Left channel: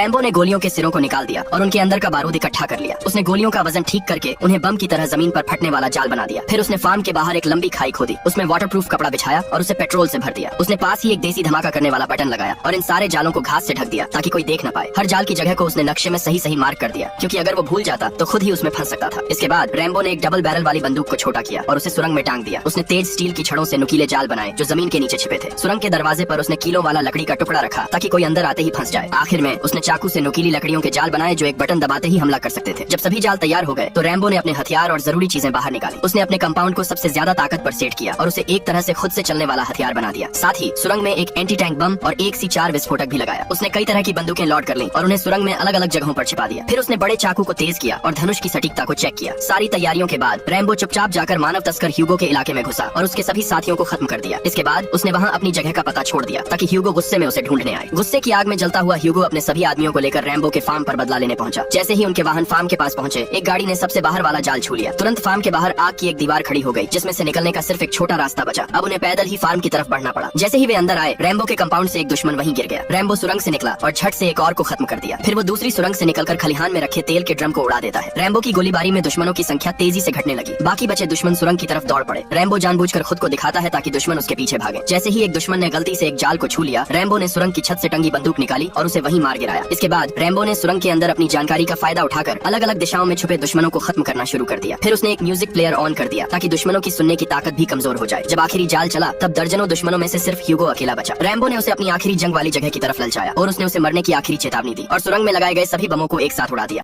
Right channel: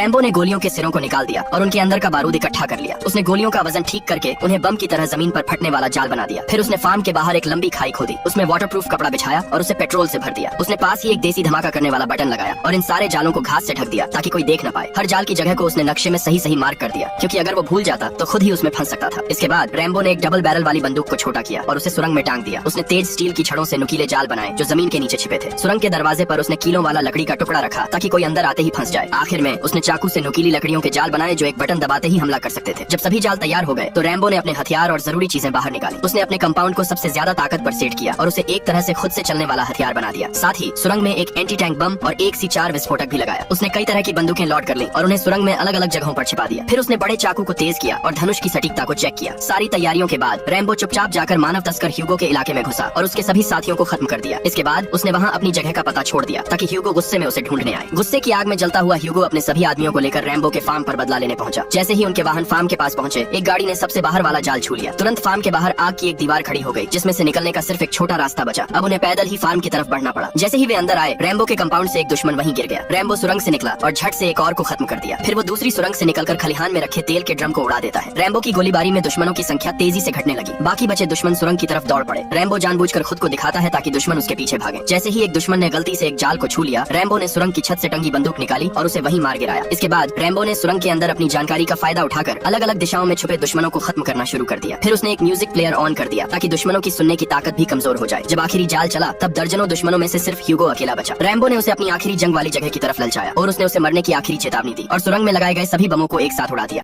Rambo ने गोलियों के सिरों को निकाल दिया और उनके अंदर का बारूद इकट्ठा कर लिया। उसने गोलियों का वजन ठीक करके उन्हें बम की तरह जमीन पर फटने वाला जाल बना दिया। फिर उसने फार्म के बाहर एक लंबी खाई खोदी, उसमें वाटरप्रूफ कपड़ा बिछाया और उसे पेट्रोल से भर दिया। उसने पास ही एक देसी धमाका करने वाला बटन लगाया और इन सारे जालों को घास से ढक दिया ताकि कोई देख न पाए। हर जाल की जगह को उसने नक्शे में सही मार्क कर दिया, क्योंकि अगर वो भूल जाता तो खुद ही उसमें फंस सकता था। इसके बाद रैम्बो ने एक डबल बैरल वाली बंदूक को छोटा किया और उसे सुरंग में टांग दिया। उसने तेज स्टील की छड़ों से नुकीले जाल बनाए जो जमीन के नीचे छिपे थे। सुरंग के दरवाजे पर उसने कीलों वाला लकड़ी का टुकड़ा रखा ताकि कोई अंदर आते ही फंस जाए। आखिर में उसने चाकू से नुकीली लकड़ियों के जाल बनाए जो एक बटन दबाते ही हमला कर सकते थे। जब सभी जाल तैयार हो गए तो रैम्बो ने अपने हथियार और जरूरी चीजें बाहर निकाली। उसने अपने कंपाउंड को सबसे ज्यादा ताकत पर सेट किया और उसे एक तरह से खुद से चलने वाला हथियार बना दिया। साथ ही सुरंग में एक एंटी टैंक बम और 1C4 विस्फोटक भी लगाया। उसने कई तरह की बंदूकें लोड कर ली और उन्हें सुरंग में अलग अलग जगहों पर छिपा दिया। फिर उसने बड़े चाकू को तेज किया और धनुष की सटीकता को चेक किया। सारी तैयारियों के बाद रैम्बो चुपचाप जाकर मानव तस्कर ह्यूगो के इलाके में घुसा और उसके सभी साथियों को खत्म कर दिया। इसके बाद उसने वहाँ अपनी जगह का पता छोड़ दिया ताकि ह्यूगो गुस्से में उसे ढूंढने आए। गुस्से की आग में जलता हुआ ह्यूगो अपने सभी आदमियों को लेकर रैम्बो के फार्म पर बदला लेने पहुंचा। जैसे ही उनके वाहन फार्म के पास पहुंचे, एक गाड़ी ने सबसे बाहर वाला जाल छू लिया। तुरंत फार्म के बाहर आग की एक दीवार खड़ी हो गई जिसमें से निकलने का सिर्फ एक छोटा रास्ता बचा। अब उन्हें पैदल ही फार्म की तरफ बढ़ना पड़ा। जैसे ही वे अंदर आए, रैम्बो के कंपाउंड से एक दुश्मन वहीं गिर गया। रैम्बो सुरंग से निकला और झट से एक और को खत्म कर दिया। फिर वो दूसरी सुरंग से निकलकर खलिहान में रखे तेल के ड्रम को उड़ा देता है। रैम्बो की गोलीबारी में दुश्मनों की संख्या तेजी से घटने लगी। बाकी बचे दुश्मन सुरंग की तरफ दौड़ पड़े। रैम्बो जानबूझकर खुद को दिखाता है ताकि दुश्मन उसके पीछे भागे। जैसे ही एक दुश्मन ने गलती से एक जाल को छू लिया, रैम्बो ने सुरंग की छत से टंगी बंदूक निकाली और उसे वहीं मार गिराया। इसके बाद रैम्बो ने सुरंग के अंदर अपनी जानकारी का फायदा उठाकर अलग अलग दिशाओं में छुपे दुश्मनों को खत्म करना शुरू कर दिया। फिर उसने एक म्यूजिक प्लेयर ऑन कर दिया ताकि दुश्मनों की सुनने की ताकत भी कमजोर हो जाए। जब आखिरी जाल चला तब दर्जनों दुश्मनों में से सिर्फ ह्यूगो अकेला बचा। रैम्बो ने उसे अपनी आखिरी जंग वाली जगह की तरफ ललचाया और उसने उसे मरने की आखिरी चेतावनी दी और सुरंग में लगाए गए सभी बमों को एक साथ उड़ा दिया।